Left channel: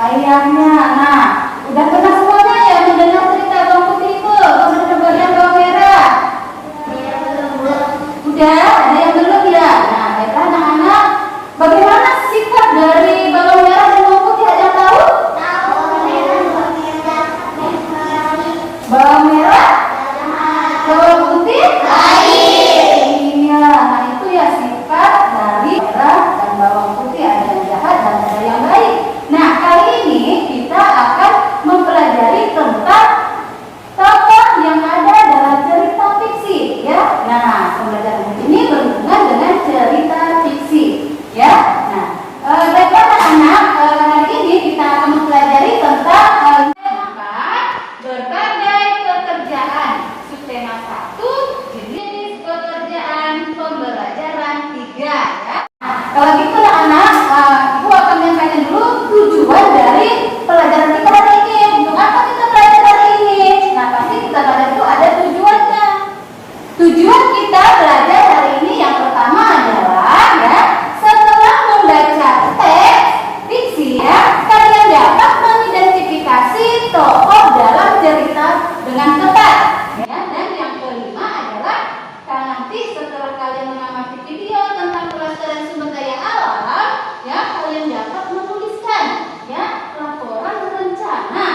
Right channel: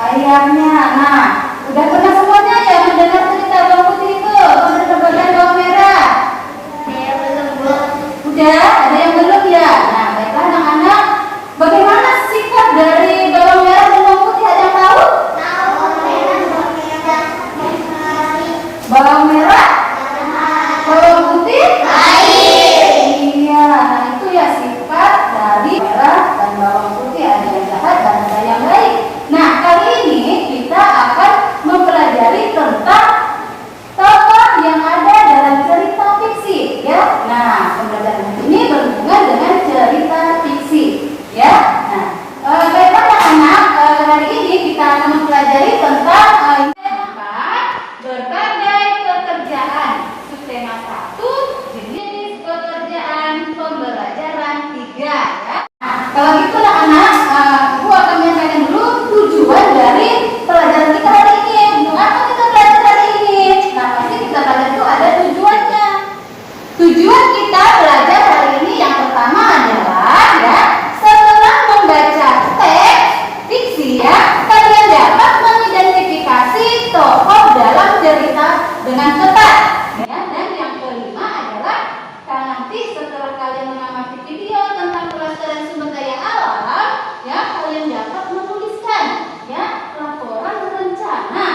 ayahnya. Nah, udah pernah semuanya ya mendengar cerita bawang putih itu? Udah terbagian bawang merah? Saya belum, Bu. Udah, ada yang belum ya? Nah, baiklah anak-anak, bagaimana sikap dari bawang merah dan bawang putih, ada yang tahu? Tahu merah, bawang merah, merah. Bawang merah, bawang putih? Baik. Iya, nah itu ya sifat dari merah dan bawang putih, ada yang jahat dan ada yang baik. Nah, kali ini kita akan mempelajari tentang tokoh yang ada dalam cerita fiksi, ya. Nah, pembelajaran ini berhubungan dengan cerita fiksi, ya. Nah, baiklah anak-anak, hari ini kita akan mempelajari tentang berbagai pekerjaan. Subtema 1, jenis pekerjaan pembelajaran 3, ya. Nah, kalau gitu anak, Ibu akan menyampaikan dulu tujuan dari pelajaran kita hari ini. Untuk apa kita belajar hari ini? Nah, pasti kita belajar itu ada tujuannya. Tujuan kita belajar hari ini yang pertama adalah, ya, setelah membaca teks fiksi, ya, kalian dapat mengidentifikasi tokoh dalam cerita dengan tepat, ya. Dan yang kelima adalah nanti setelah kalian mengamati video tentang pelestarian sumber daya alam, ya, kalian dapat menuliskan, ya, laporan rencana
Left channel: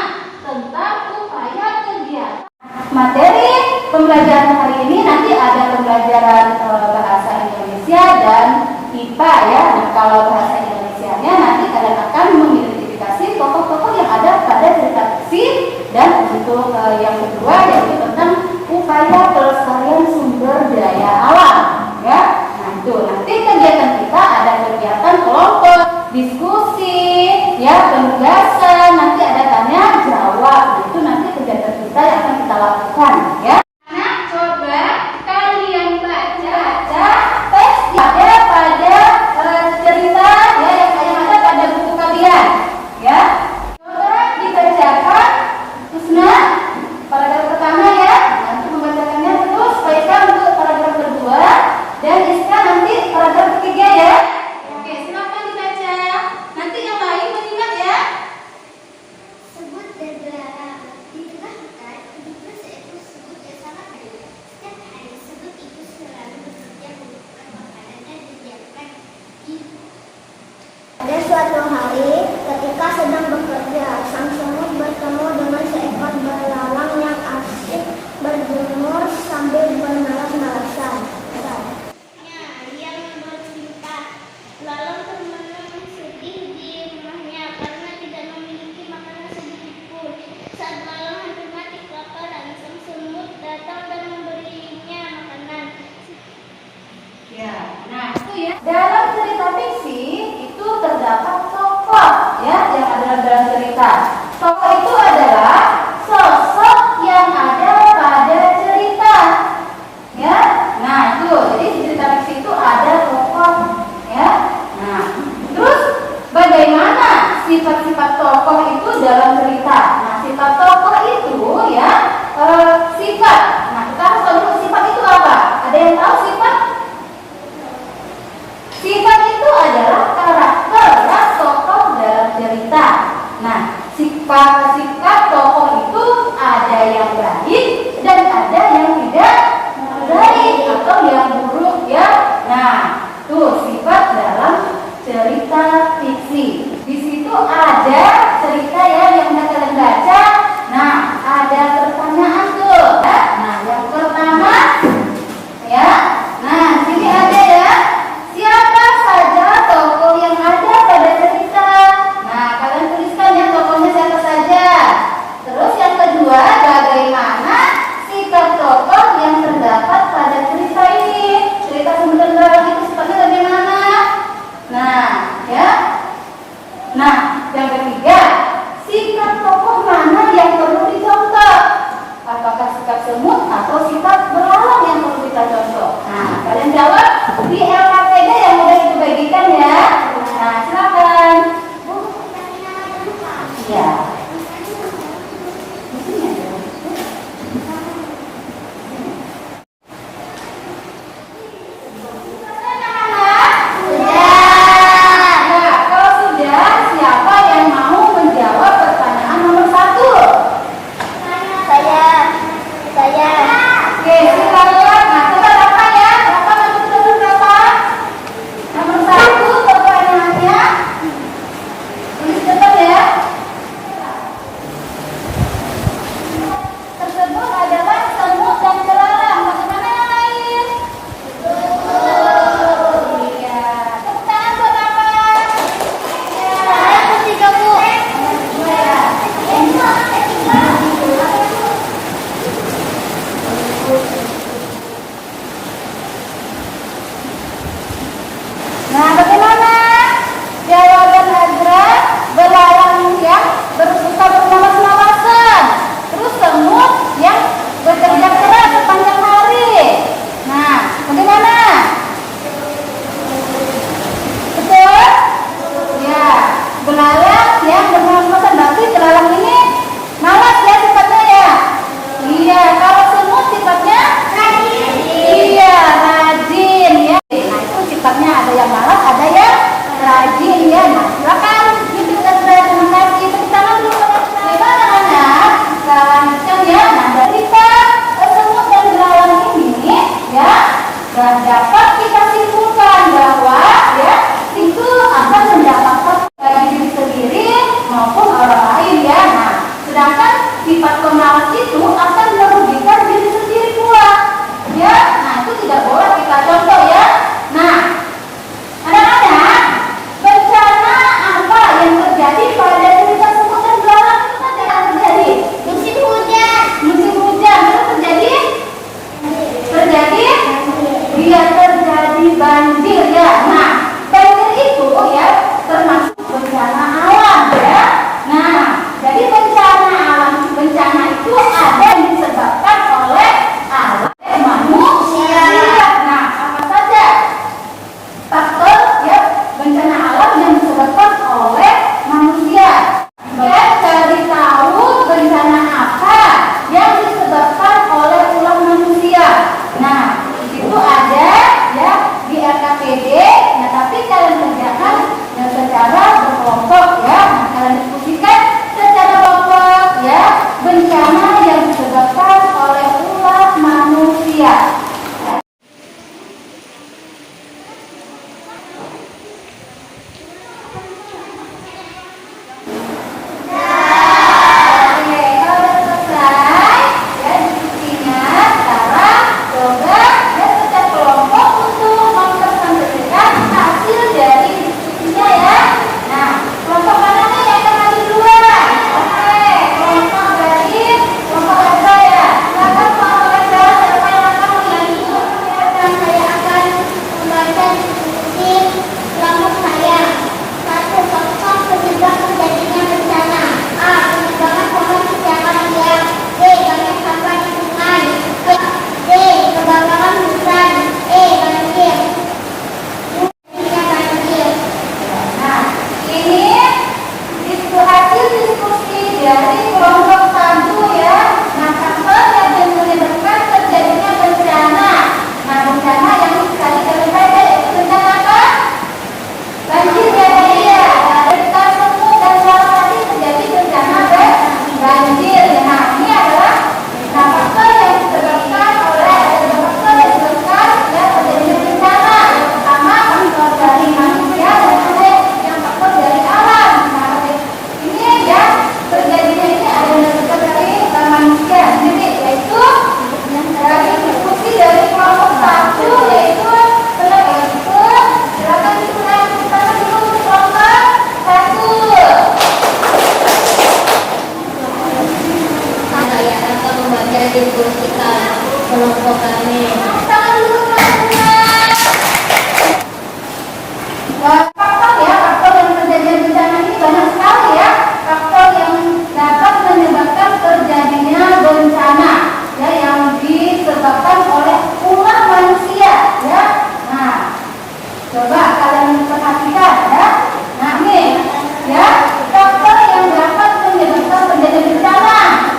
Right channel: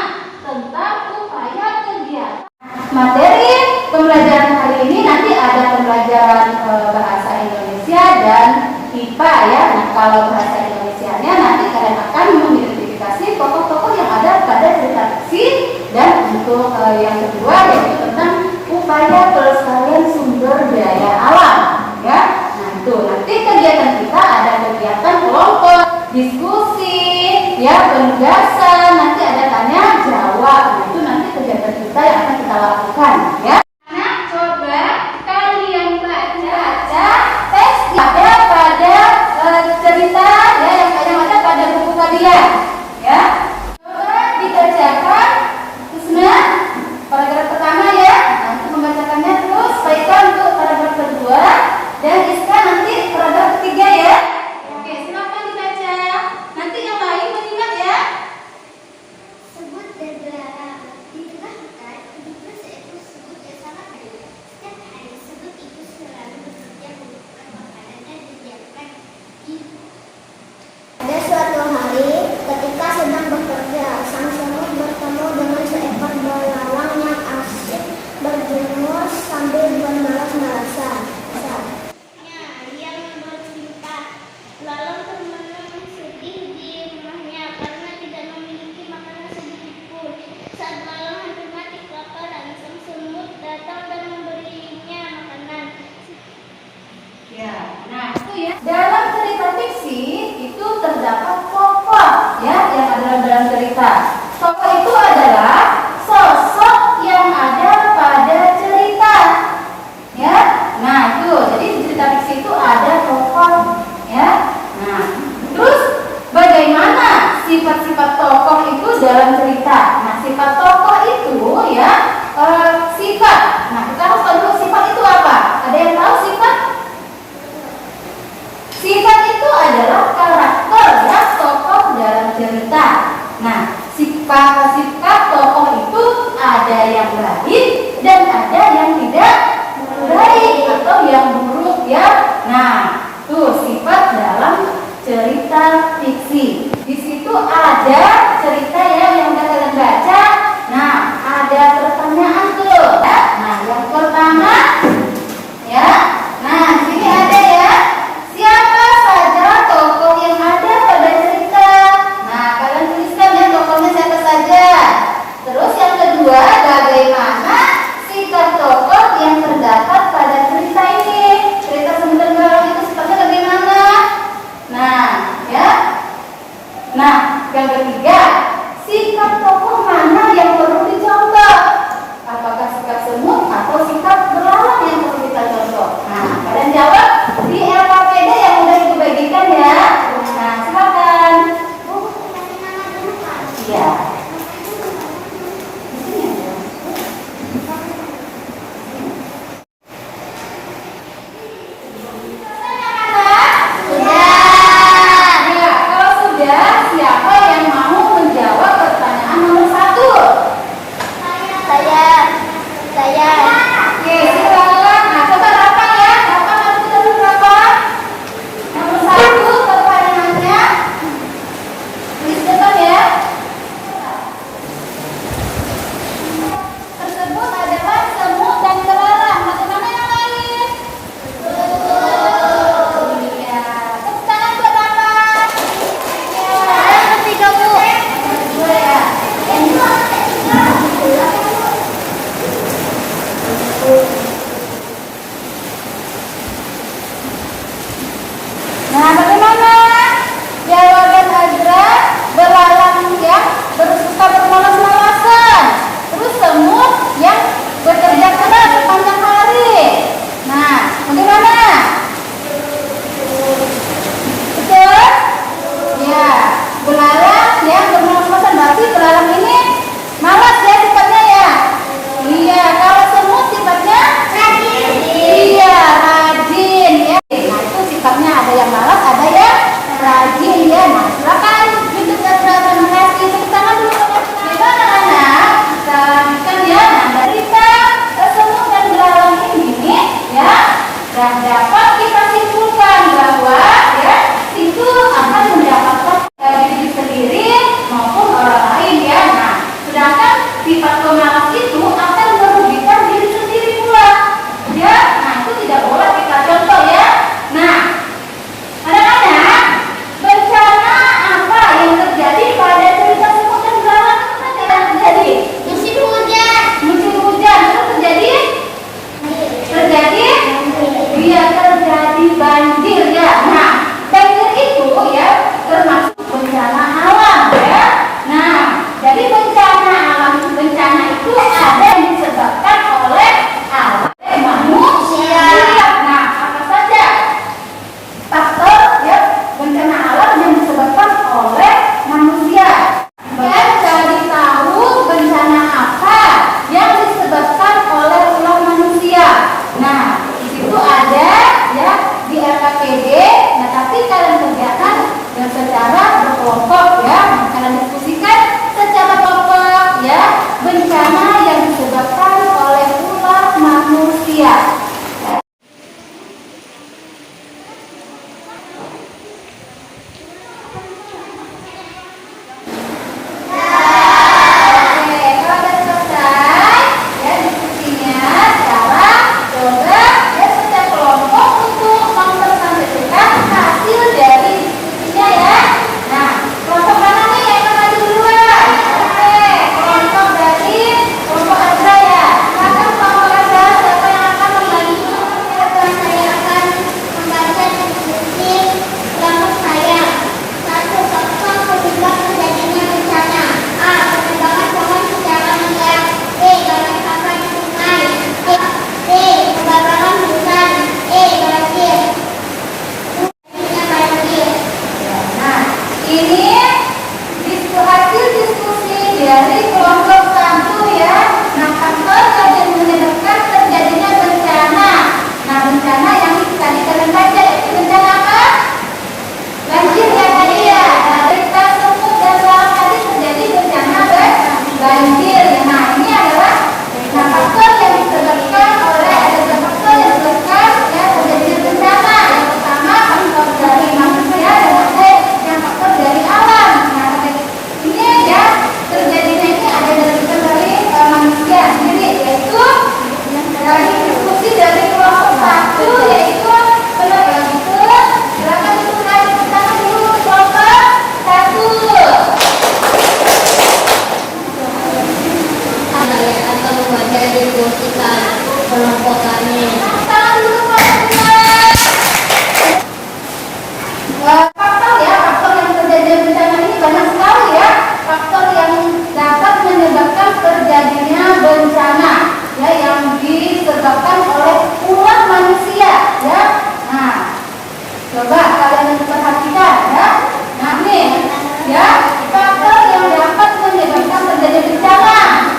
tentang upaya kegiatan. Materi pembelajaran hari ini nanti ada pembelajaran bahasa Indonesia dan IPA, ya. Nah, kalau bahasa Indonesianya nanti kalian akan mengidentifikasi tokoh-tokoh yang ada pada cerita fiksi, dan untuk yang kedua yaitu tentang upaya pelestarian sumber daya alam, ya. Nah, itu nanti kegiatan kita ada kegiatan kelompok, diskusi, ya, penugasan, nanti ada tanya jawab. Nah, itu nanti kegiatan kita yang akan kita lakukan, ya. Nah, coba kalian baca teks yang ada pada cerita, ya, yang ada pada buku kalian, ya. Coba dibacakan, Tusna, paragraf pertama, ya. Nah, untuk membacakannya terus, Faika untuk paragraf kedua, dan Iska nanti paragraf ketiga, ya. Oke, silakan dibaca. Nanti yang lain mengingat, ya. Sebut beberapa. Di tengah hutan, hiduplah seekor semut yang sangat baik. Setiap hari, semut itu selalu bekerja mengumpulkan makanan dan didiamkan di. Pada suatu hari, ketika sedang bekerja, sang semut bertemu dengan seekor belalang yang asyik berjemur sambil bermalas-malasan. Ia bercerita, belalang termenung sedih di rumahnya karena tidak memiliki makanan sedikit pun. Saat belalang hampir mati kelaparan, sang semut datang dan memberinya makanan. Ya, nah itu ya. Dalam cerita fiksi itu terdapat tokoh, ya, yang ada dalam cerita. Tokoh itu adalah sosok yang ada pada cerita, ya. Nah itu, jadi cerita fiksi itu ada tokoh, ya. Nah, terus bagaimana sifat-sifat tokoh itu dalam cerita? Nah, sifat tokoh itu, ya, sifat. Nah, kita harus tahu dulu sifat itu apa. Ada yang tahu sifat? Sifat itu adalah karakter, ya, tokoh dalam cerita. Nah, sifat tokoh itu ada yang baik dan ada yang tidak baik atau yang buruk, ya. Nah, tuh sifat dalam cerita fiksi. Di situ ada cerita, ya, yang udah kalian baca. Nah, ada pertanyaan tuh, ya. Nah, yang pertama, ya. Nah, di sini ada, ya. Siapa saja tokoh yang ada pada cerita? Nah, kalian tuliskan, ya, tokohnya siapa saja. Terus yang kedua, bagaimana sikap tokoh yang terdapat pada cerita ini? Cerita Semut dan Belalang itu sifatnya bagaimana? Nah, ya. Nah, yang ketiga, sikap tokoh mana yang perlu dicontoh? Apakah sikap semut atau sikap belalang yang perlu kita contoh? Nah, kalian jawab di LKPD yang udah dibagikan, ya. Nah, silakan. Iya. Nah, kalau sudah, siapa yang mau menjawab? ya, udah malas-malasan. Berarti belalang ini malas ya sifatnya ya. Iya, kalau semut sifatnya rajin. Iya, rajin ya. Nah, itu sifatnya ada yang malas, ada yang rajin ya. Nah, silakan YouTube dan terima kasih. Tepuk tangan dulu. Bagaimana anak? Kita lanjutkan ya. Nah, dari semut dan belalang ini ya, dan dapat kita simpulkan bahwa ya itu akan mendapatkan dari diri sendiri maupun orang lain ya. Nah, sedangkan sifat pemalas itu akan merugikan diri sendiri pula ya. Nah, itu tidak boleh kita contoh ya. Nah, anak-anak, bencana apa yang terjadi pada cerita semut dan belalang itu kan tidak terjadi? Musim hujan. Musim hujan itu terjadi iya, terjadi banjir ya. Nah, banjir itu ya termasuk bencana alam ya. Nah, jadi bencana itu ada yang disebabkan oleh alam manusia. Nah, apa saja faktor ya bencana alam yang disebabkan oleh manusia? Dan cari tahu bencana apa yang disebabkan oleh ulah manusia. Nah, itu ada ya di LKPD. Nah, tapi kalian kerjakan secara berkelompok ya. Nah, kalian diskusikan secara kelompok ya bencana yang disebabkan oleh ulah manusia.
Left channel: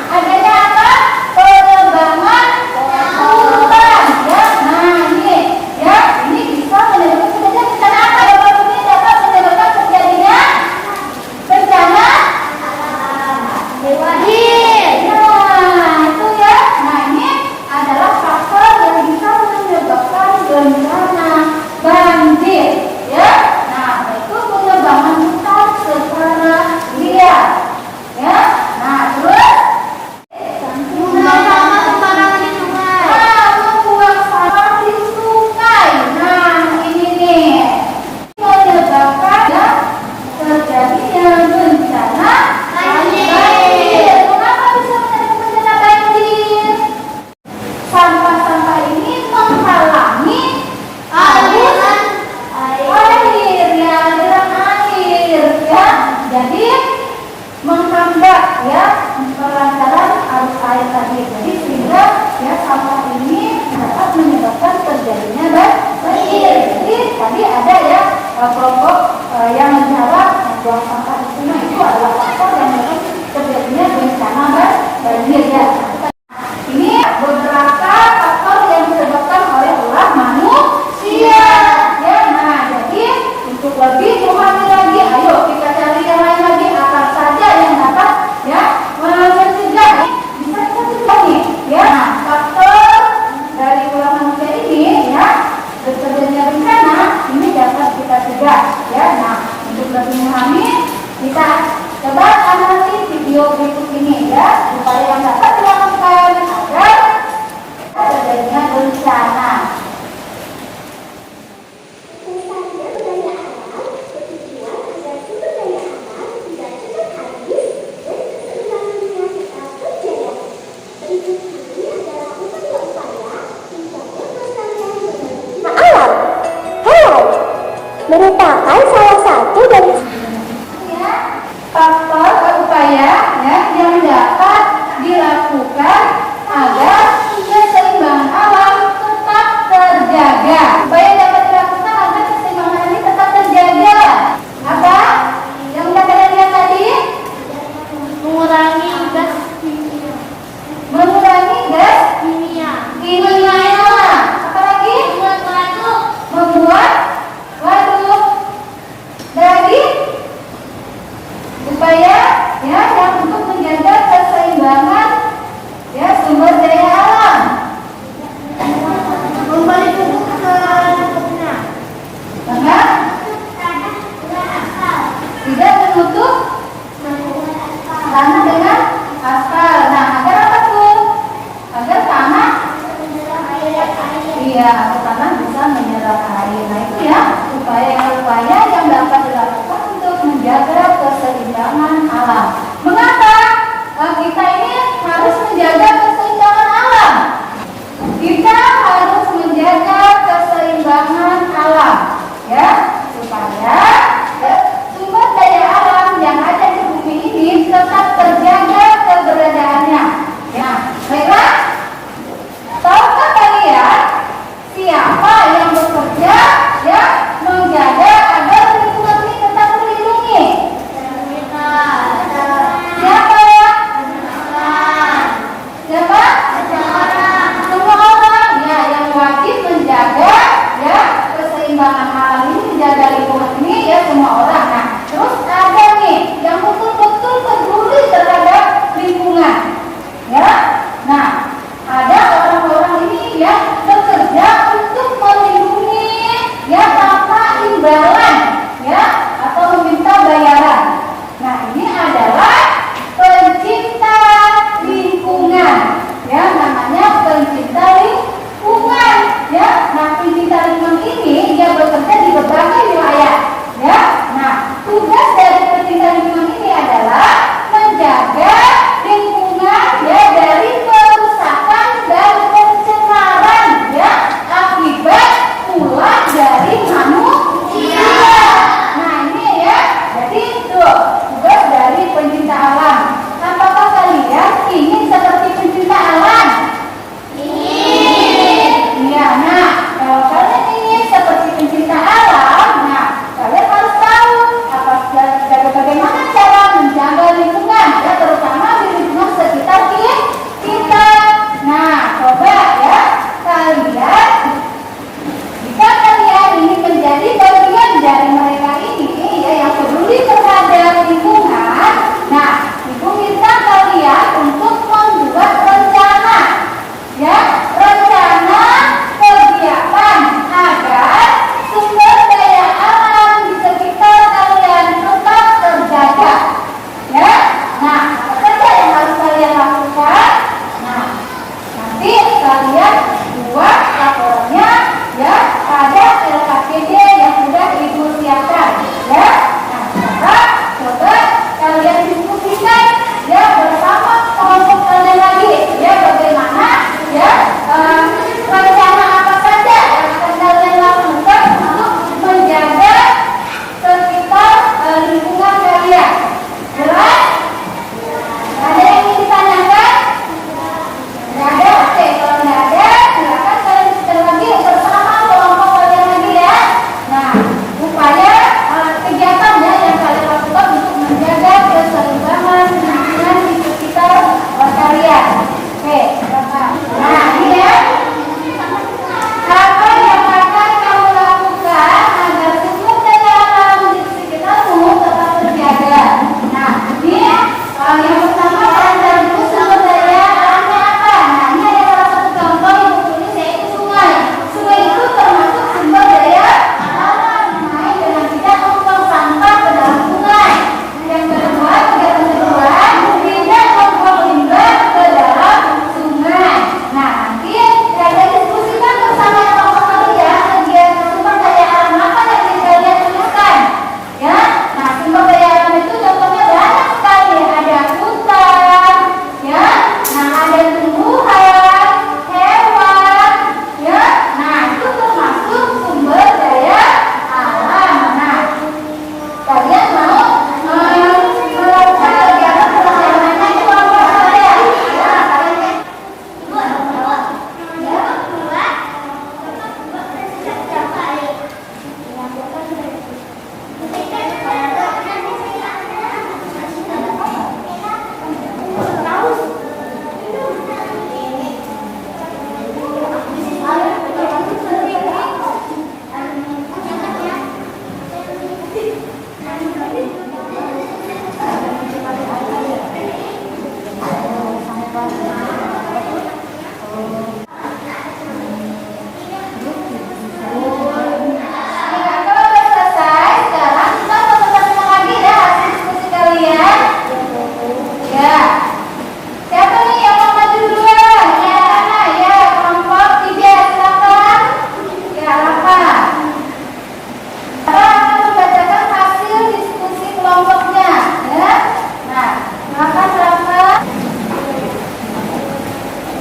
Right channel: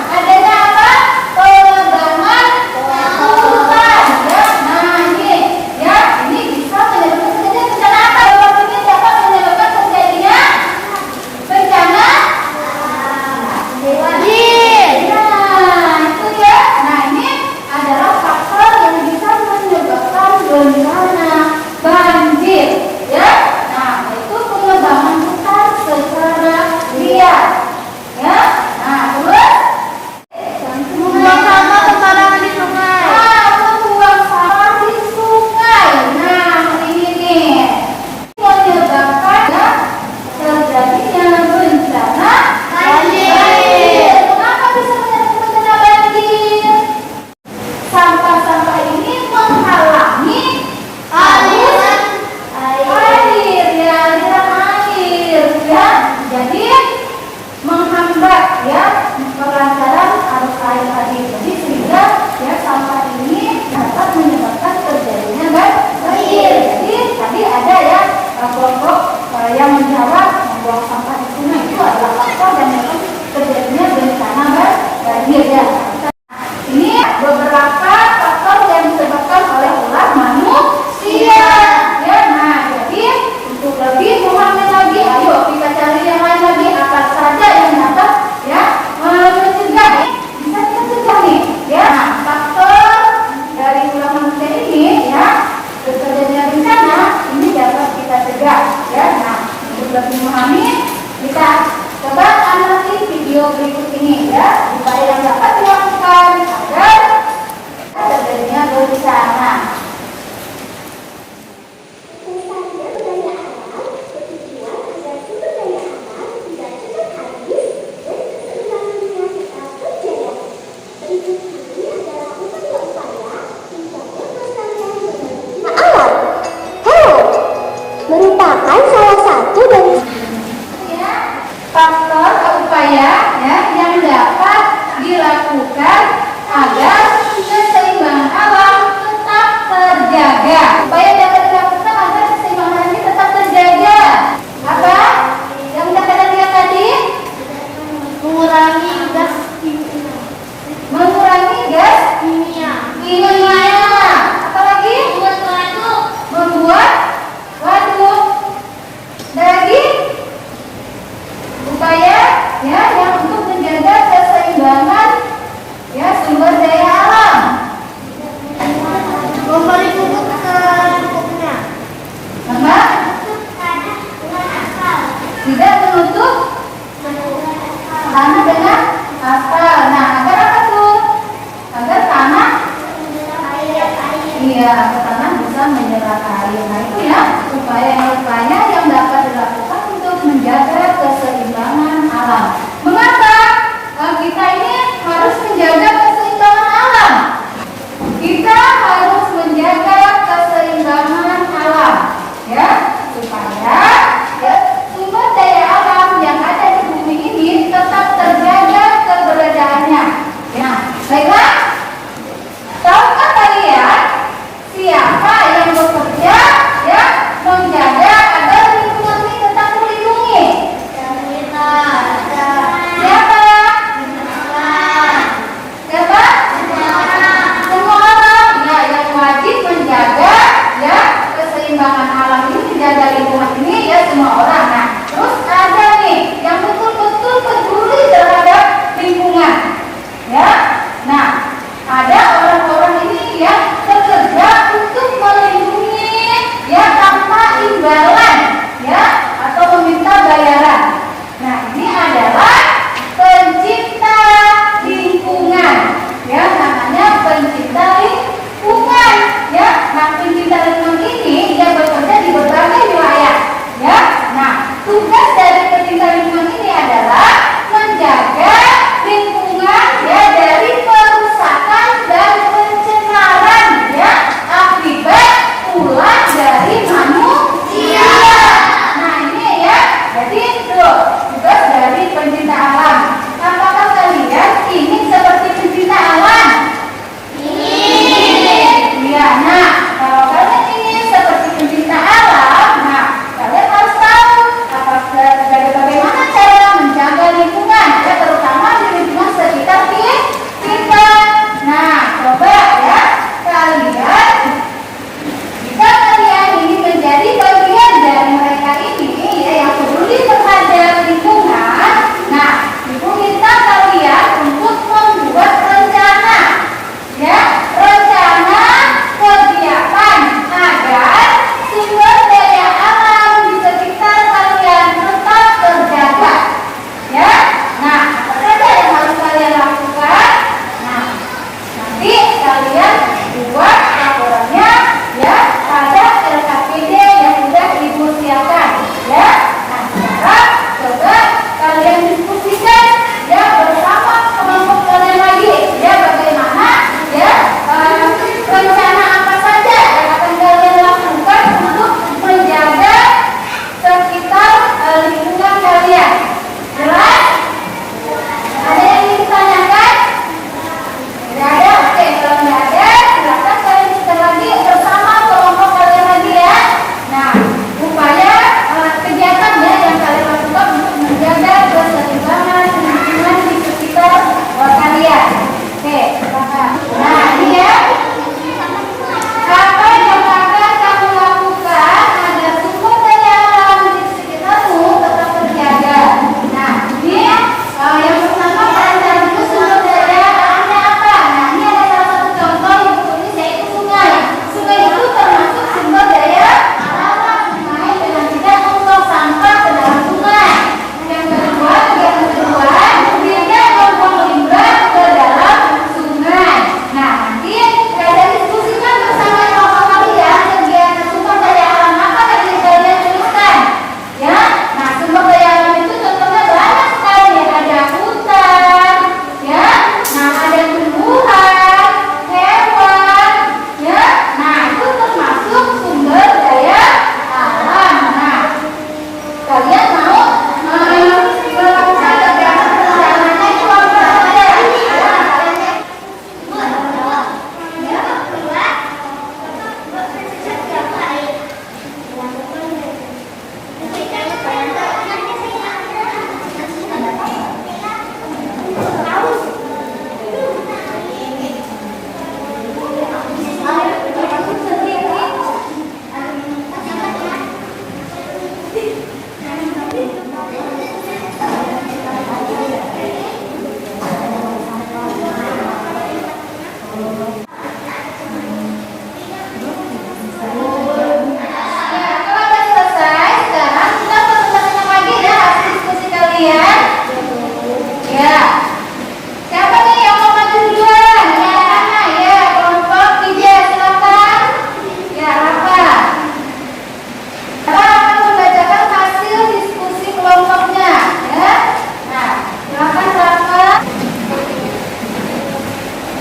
Adanya apa? Penebangan hutan. banjir ya. Ini beberapa faktor yang disebabkan oleh ulah manusia. Ya, nah jadi untuk lebih memahami lagi, ayo kita cari yang lain lagi apa saja yang dapat ya mencegah. Bisa kita cegah nih, ya. Nah, faktor dari ulah manusia ini ya terjadinya bencana ini dapat kita cegah. Ya, nah untuk lebih memahami kita coba amati video berikut ini ya, upaya yang dapat dilakukan agar terjadinya bencana. Pelestarian budaya alam bertujuan agar sumber daya alam tidak cepat habis dan keseimbangannya tetap terjaga. Berikut ini adalah upaya-upaya menjaga pelestarian budaya alam. Hello, merupakan salah satu dari Faktor upaya ya yang dapat dilakukan agar keseimbangan alam tetap terjaga. Upaya yang dapat dilakukan agar keseimbangan ini tetap terjaga. Apa? Yang kata dia tadi? mengurangi gas kimia. Mengurangi gas kimia. Apalagi? Membuat waduk. Lagi? Upaya ya yang untuk menjaga keseimbangan ya sumber daya alam. Memberi pupuk ke tanah. Maka tidak menutup tanah dengan aspal. Nah, agar apa tuh? Agar tanah iya, agar tanah bisa menyerap air. Nah, itu ya upaya-upaya yang dapat dilakukan untuk menjaga keseimbangan alam. Mengapa kita ini harus menjaga keseimbangan alam?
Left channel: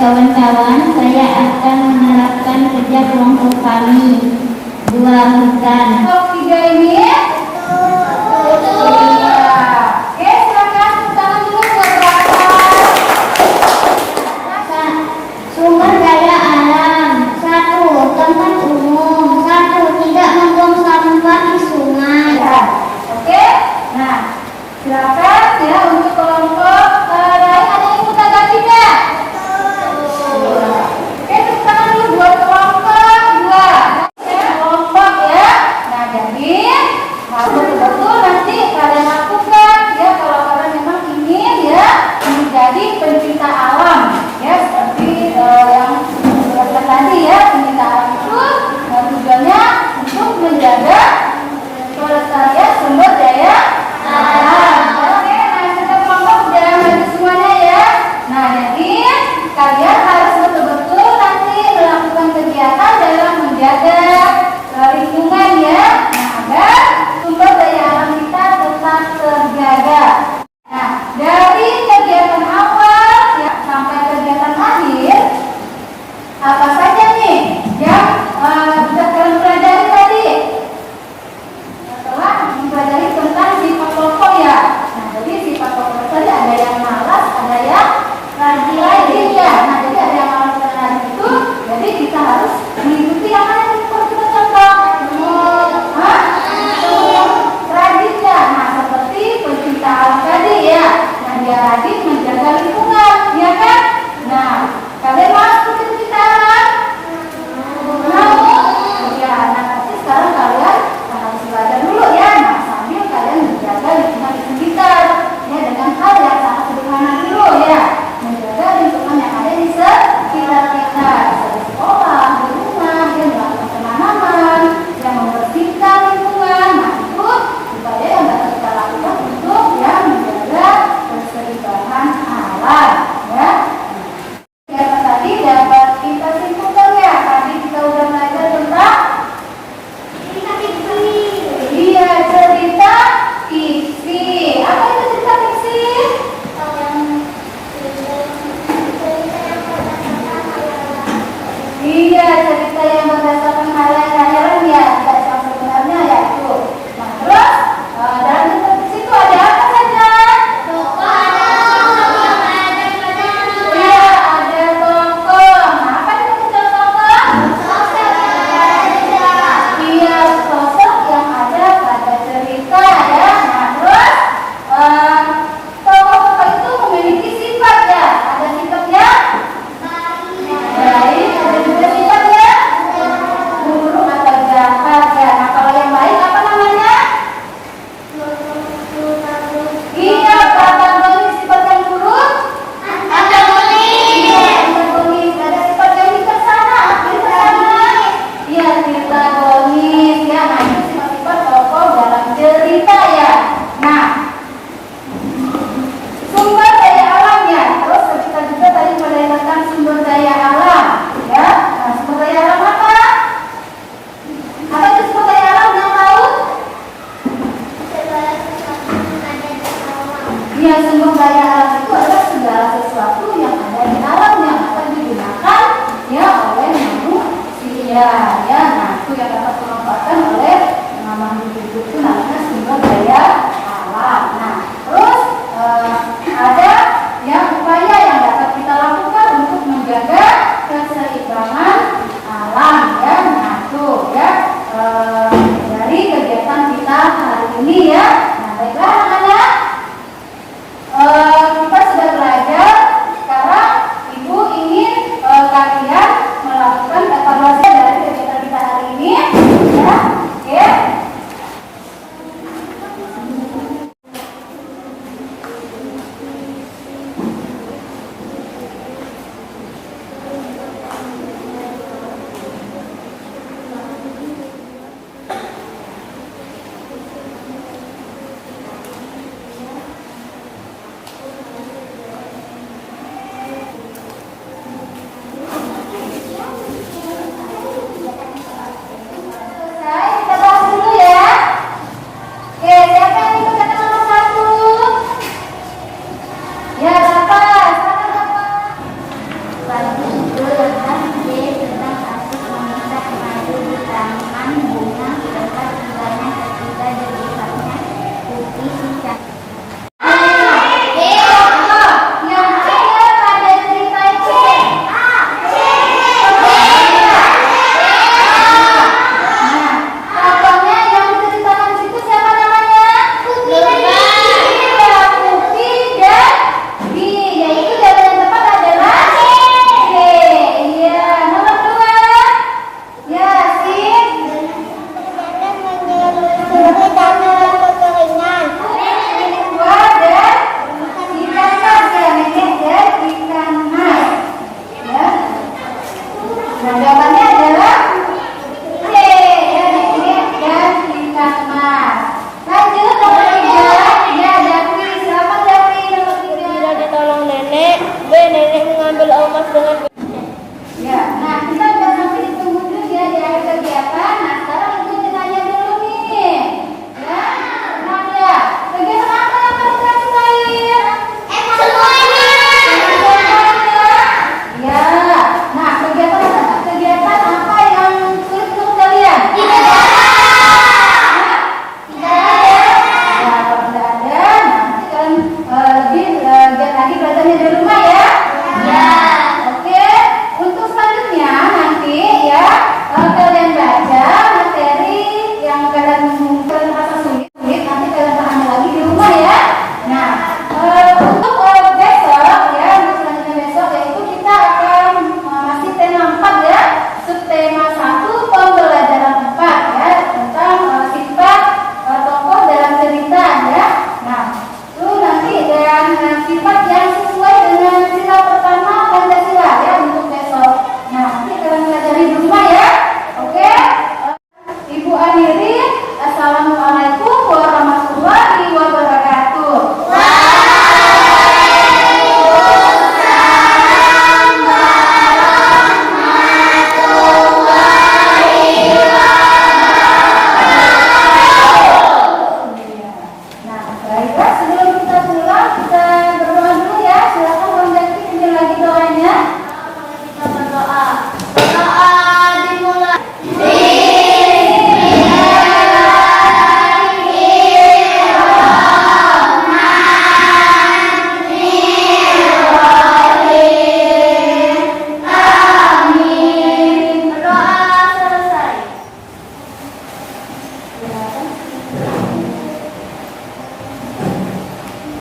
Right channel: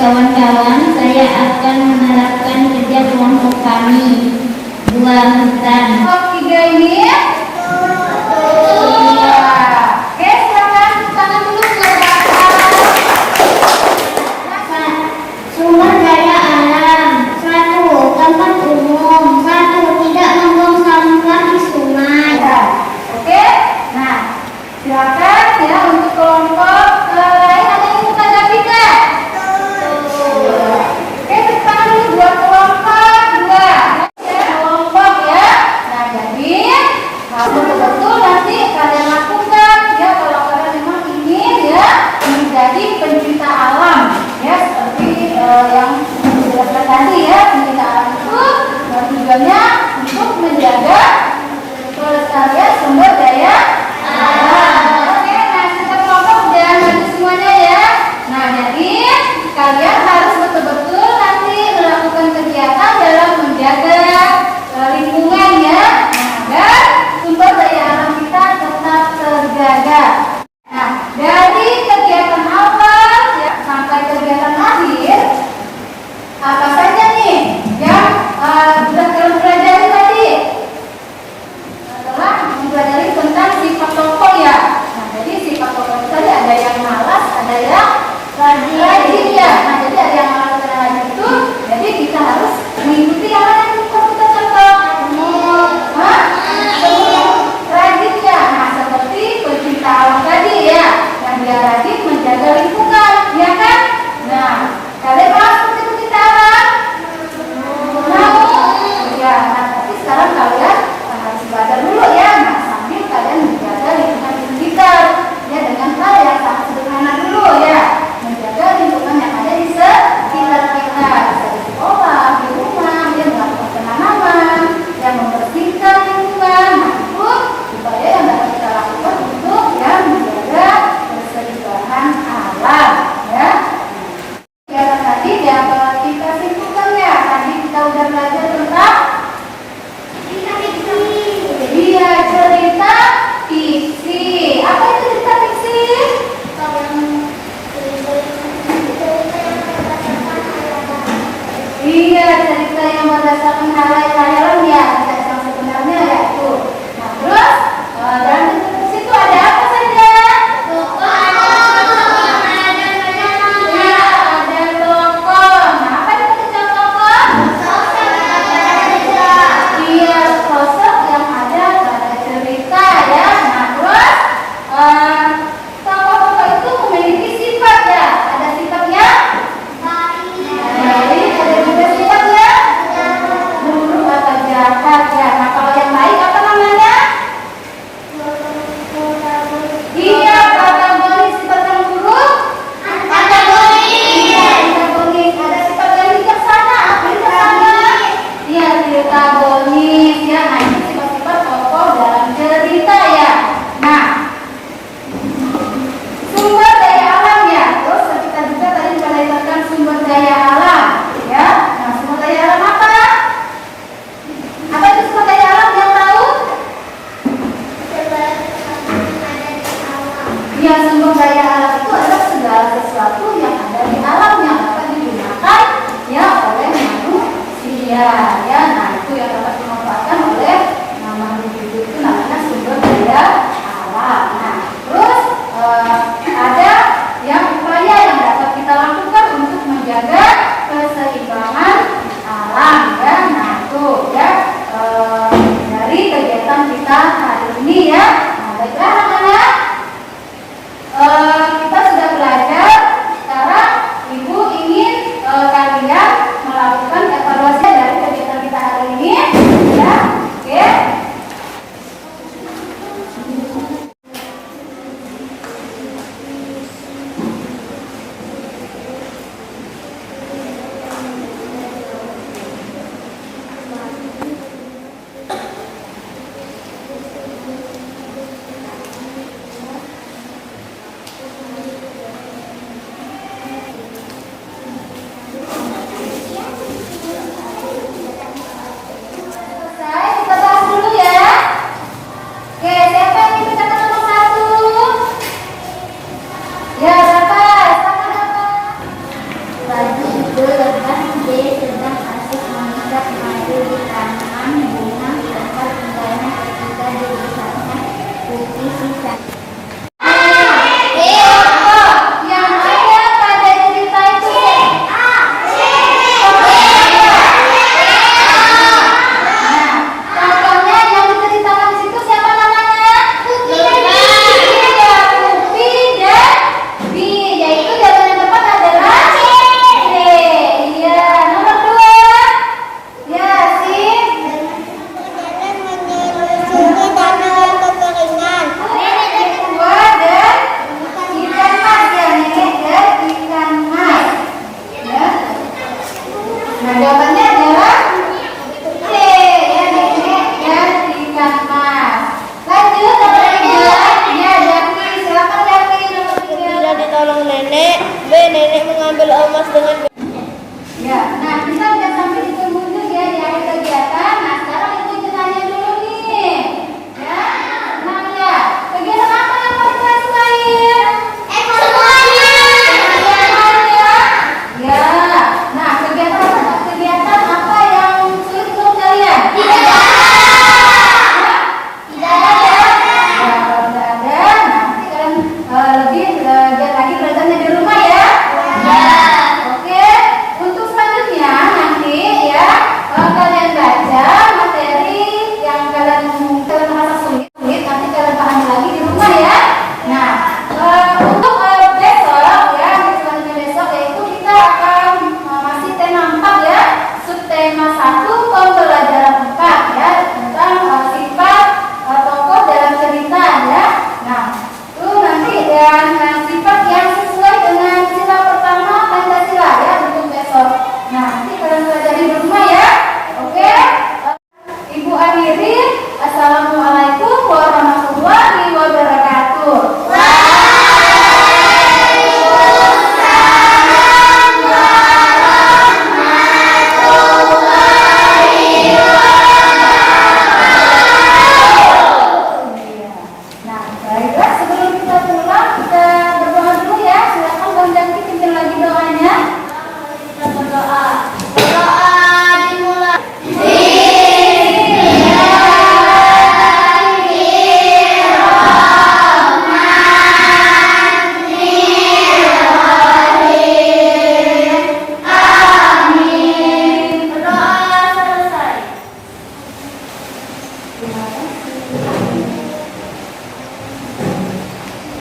kawan-kawan, saya akan menerapkan kerja kelompok kami. Buah hutan. Kelompok 3 ini? Iya. Oke, silakan tepuk tangan dulu buat Raka. Sumber daya alam. 1. Tempat umum. 1. Tidak membuang sampah di sungai. Ya. Oke. Nah, silakan ya untuk kelompok lain ada yang ikut tanggapi nggak? Oke, tepuk tangan dulu buat kelompok 2. Ya, kelompok ya. Nah, jadi harus betul-betul nanti kalian lakukan ya kalau kalian memang ingin ya menjadi pencinta alam ya seperti yang dijelaskan tadi ya. Pencinta alam itu tujuannya untuk menjaga kelestarian sumber daya alam. Oke, nah kita kelompok udah maju semuanya ya. Nah, jadi kalian harus betul-betul nanti melakukan kegiatan dalam menjaga lingkungan ya, agar sumber daya alam kita tetap terjaga. Nah, dari kegiatan awal ya sampai kegiatan akhir, apa saja nih yang sudah kalian pelajari tadi? Setelah mempelajari tentang sifat tokoh ya. Nah, jadi sifat tokoh tadi ada yang malas, ada yang rajin ya. Nah, jadi ada yang malas dan rajin itu, jadi kita harus mengikuti yang mana yang kita contoh. Rajin ya. Nah, seperti pencinta alam tadi ya, yang dia rajin menjaga lingkungan, ya kan? Nah, kalian mau menjadi pencinta alam? Ya, nah tapi sekarang kalian harus belajar dulu ya. Nah, sambil kalian menjaga lingkungan di sekitar ya dengan hal yang sangat sederhana dulu ya. Menjaga lingkungan yang ada di sekitar kita, di sekolah, di rumah, ya melakukan penanaman, yang membersihkan lingkungan. Nah, itu upaya yang dapat kita lakukan untuk ya menjaga keseimbangan alam ya. Ya tadi dapat kita simpulkan ya. Tadi kita udah belajar tentang iya cerita fiksi. Apa itu cerita fiksi? Iya, cerita yang berdasarkan khayal-khayalan ya, tidak yang sebenarnya ya itu. Nah, terus dalam cerita fiksi itu ada apa saja? Iya, ada tokoh. Nah, apa itu cerita tokoh? Iya, sosok yang ada pada cerita ya. Nah, terus tokoh-tokoh itu memiliki sifat ya. Ada sifatnya baik, ada juga sifatnya buruk atau jahat ya. Nah, kalau yang baik apa namanya? Iya, protagonis. Sifat yang buruk? Iya, antagonis. Ada sifat yang bijaksana. Apa bijaksana? Iya, protagonis ya. Nah, itu sifat-sifat tokoh dalam cerita ya. Nah, sumber daya alam ya. Terus kita juga tadi belajar sumber daya alam ya. Nah, sumber daya alam apa? Apa itu sumber daya alam yang tahu? Ya, sumber daya alam itu adalah segala sesuatu yang ada di alam yang dapat digunakan ya oleh manusia ya. Nah, itu yang dapat dimanfaatkan oleh makhluk hidup itu namanya sumber daya alam. Nah, terus ada yang upaya yang dapat kita lakukan untuk menjaga keseimbangan alam ya. Nah, itu ya dari kegiatan kita hari ini ya. Nah, baiklah anak-anak. Kita sudah belajar. Sekarang Ibu ingin kalian melakukan evaluasi dari kegiatan kita hari ini ya. Oke, menolong nenek. B. Nenek mengambil emas dengan Ya, nah kita udah sampai di penghujung ya di akhir kegiatan.